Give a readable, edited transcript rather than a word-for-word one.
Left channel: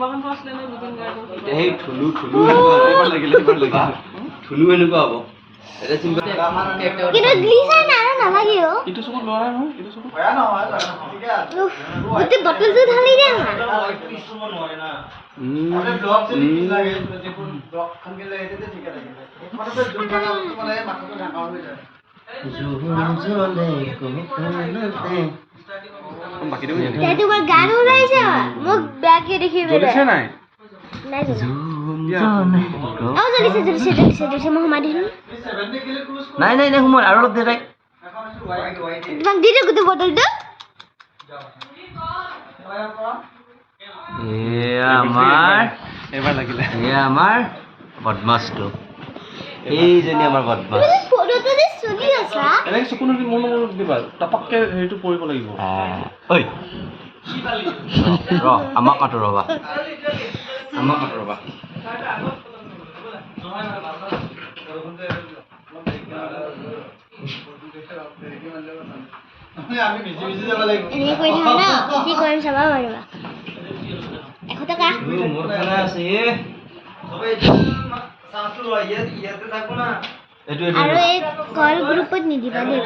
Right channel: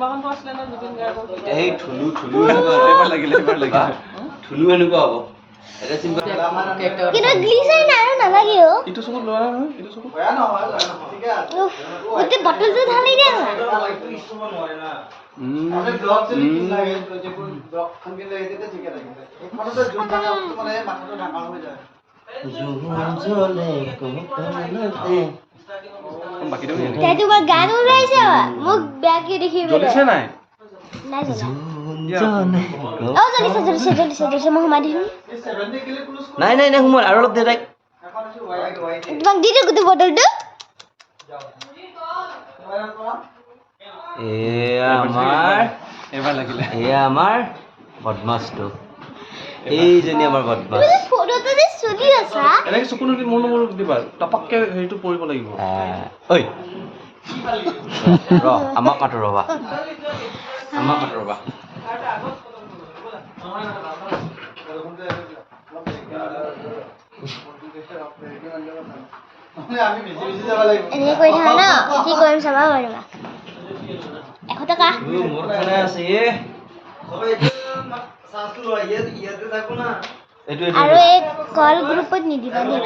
চিনেমাখনটো আছিলে ন জুবিন গাৰ্গৰ এতিয়া সেই ঠুলু এবাৰ লাগিলে ঠুলু এনেকুৱা হ'ব এটা চিম্পল কিন্তু গ্লিচাৰ নাই নালাগে অ ইটো চকুত লৰা নহয় ইটো চকুত বেয়া নহয় ঠিকে আছে গোটে বটলটো ঢালি দিয়া না লাইটটো ইউজ কৰিব নোৱাৰে না আমি ব্লক চলি কি লাগে যেবোৰ ব্লক খানকে লাগে তেতিয়া ঠিকে লাগে মানে তো জোন মানে মাথাটো ডাঙৰ হৈ যায় বাকিটো তাই তোমাৰ গান ওলাইছে মোক বেয়াকে দেখিবলৈ জ্বলিছে নাই নাই জ্বলিছে মই সোমাই দিম নাই সোমাল আৰু অলপ দে তাইক তোমাক দি দিওঁ গোটেই বটলটো এয়া আমাৰ বদমাছটো এইজনী আমাৰ বদমাছ ফটোটো যে চুলি আছা এনেকৈ চকুনো কি মোৰ নম্বৰ দিবা টপককে হেৰিটো পৰিব লাগিব ঐ ৰ আমাক মাতো ৰবা এনেকৈ কৰি থাকা ন কি কৰিম চাবা পাৰিবা 100 টকা মোৰ খানা আছে আৰু এই কল গ্ৰুপত নিদিবা দেই